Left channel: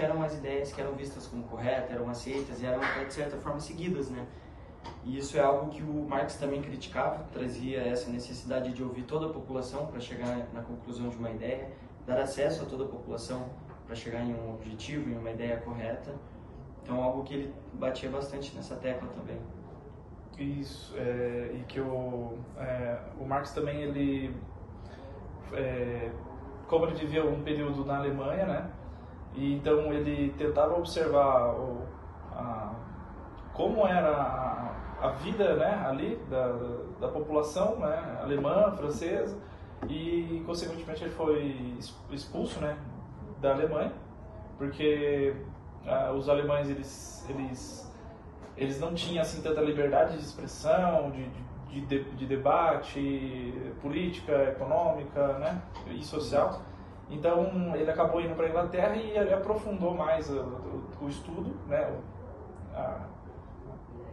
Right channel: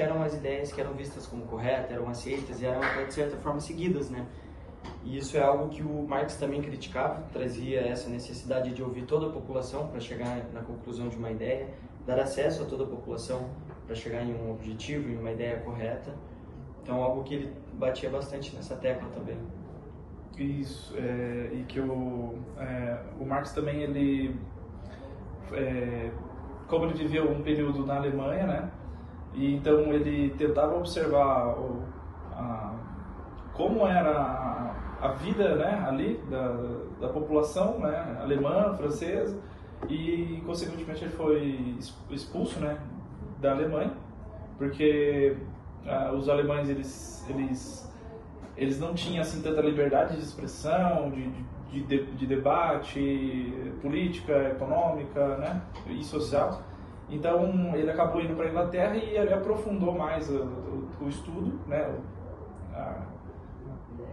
eram as ideias que eram vistas como corretas, eram aceitas e eram até de certa forma seguidas, né? E isso é algo que o Marx também criticava, trazia essa necessidade de ouvir toda a população para chegar na conclusão de uma ideia, dar acesso a toda a população para chegar em um objetivo, em uma ideia correta. Então, algo que ele batia bastante nessa tecla também. Isso, e que o Marx também, ele, como ele viveu um período na Alemanha, né, e então ele tentava observar como era a vida, né, ali da população, né, alemã, francesa, e consequentemente ele foi expulso, né, da Alemanha, porque os alemães eles não tinham assim tanta liberdade de expressão, de debate, política, econômica, né, e social. Então ele acabou indo para a Inglaterra e ele aprofundou mais o estudo, né,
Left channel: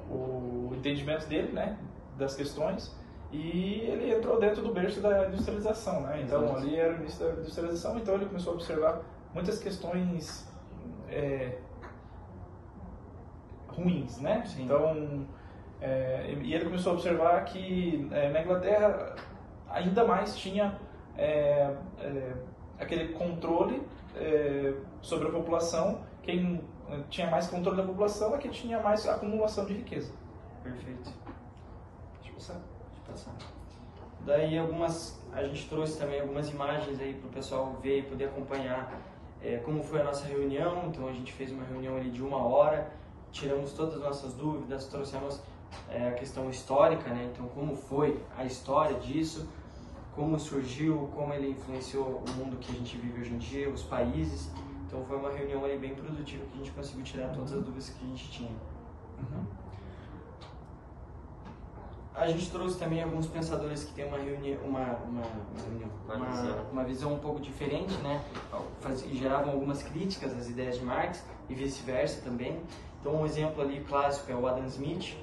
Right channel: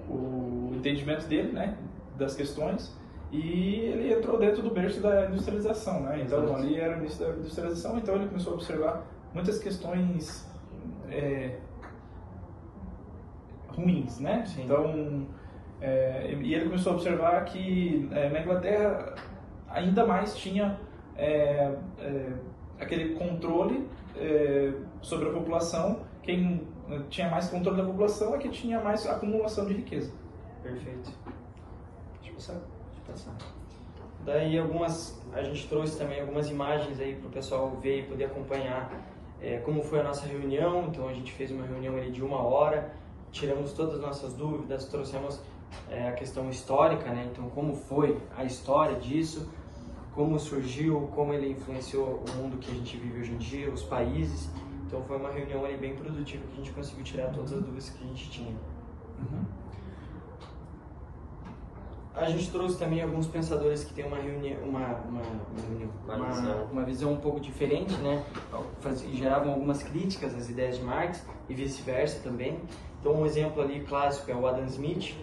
o entendimento dele, né, das questões, e ele entrou dentro do berço da industrialização, né. Então ali era o início da industrialização, então ele começou a observar muitas questões ruins, né? Sim. Então, e ele começou a observar que na Inglaterra ainda mais tinha aquele controle sobre a população. Quem tinha mais controle da população é que tinha mais acumulação de riqueza. Perfeito. Deixa eu passar. Daí a gente trouxe também algumas imagens aí para o pessoal ver e poder acompanhar como foi a nossa reunião. Então a gente fez uma reunião ali de 1 hora, tiramos todas as nossas dúvidas, trouxemos a questão histórica, né? Então como foi a história disso, como surgiu, como ele influenciou o mundo que a gente vive hoje em dia, os países. Então foi uma reunião ali bem produtiva que a gente conseguiu tirar todas as dúvidas que a gente tinha. Uhum. A gente trouxe também alguns pensadores que têm uma visão um pouco diferente, né? Geravam algumas críticas às ideias de Marx e vice-versa também. Então um exemplo ali clássico é o Adam Smith,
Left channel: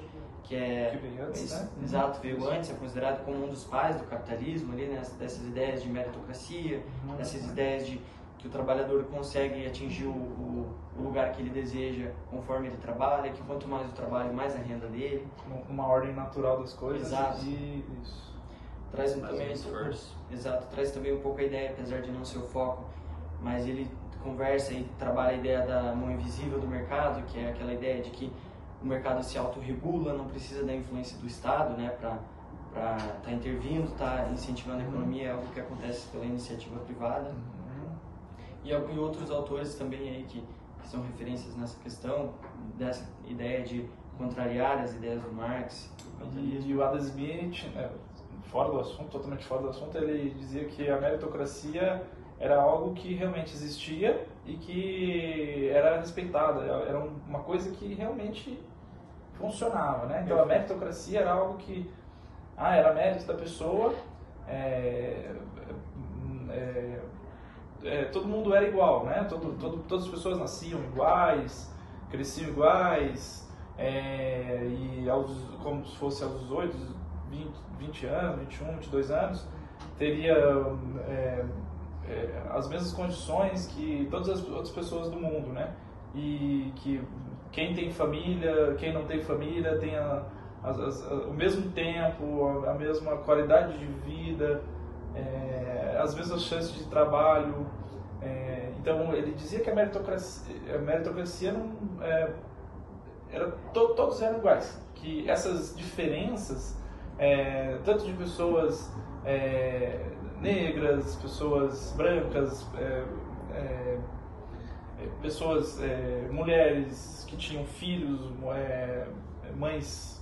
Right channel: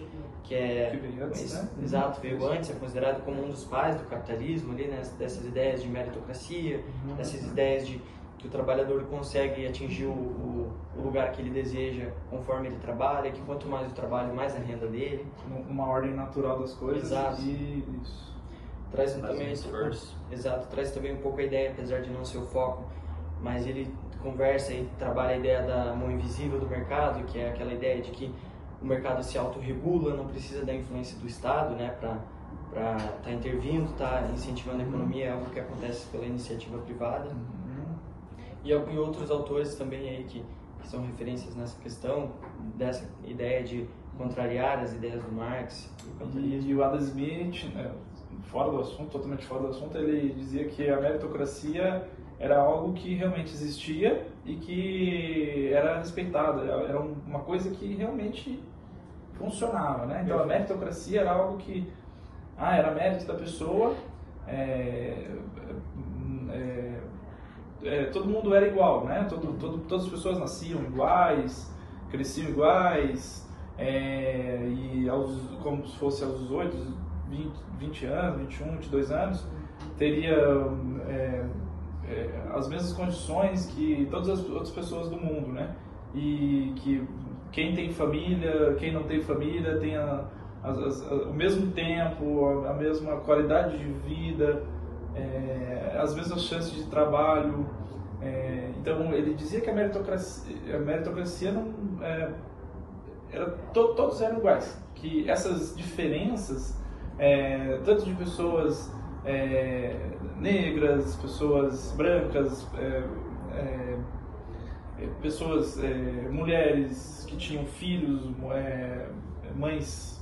que veio antes, né? Exato, veio antes, é considerado como um dos pais do capitalismo ali, né? Dessas ideias de meritocracia, dessas ideias de que o trabalhador consegue atingir o lugar que ele deseja conforme ele trabalha, que quanto mais o trabalho, mais a renda dele. Uma ordem natural das coisas. Exato. E isso. Traz também, exato, traz também um pouco a ideia, apesar de não ser o foco, mas ele conversa e trabalha a ideia da mão invisível do mercado, que é aquela ideia de que o mercado se autorregula, não precisa da influência do Estado, né, para estar intervindo, estar incentivando a economia, é algo que acontece pela iniciativa privada. E outros autores também aí que são referências nessa questão, dessa ideia de contrariar as ideias do Marx e do capitalismo. E o Adam Smith, fora do assunto, totalmente fora do assunto, ele dizia que a meritocracia era algo que realmente existia e que era respeitado, era uma coisa que realmente funcionava, né? Então a meritocracia era algo que era mérito da pessoa, todo mundo era igual, né? Todas as pessoas nasciam iguais, cresciam iguais, e como se fosse aos 18, 20 anos, 21, 22 anos, teria as mesmas condições que todas as outras pessoas do mundo, né? E que quem tem família, quem não tem família, tenha o mesmo tempo, a mesma qualidade de vida, as mesmas chances de trabalho. Então ele dizia que a meritocracia não todos eram iguais, que essas diferenças, tanto de pessoas negras, pessoas brancas, mulheres que tinham filhos, mães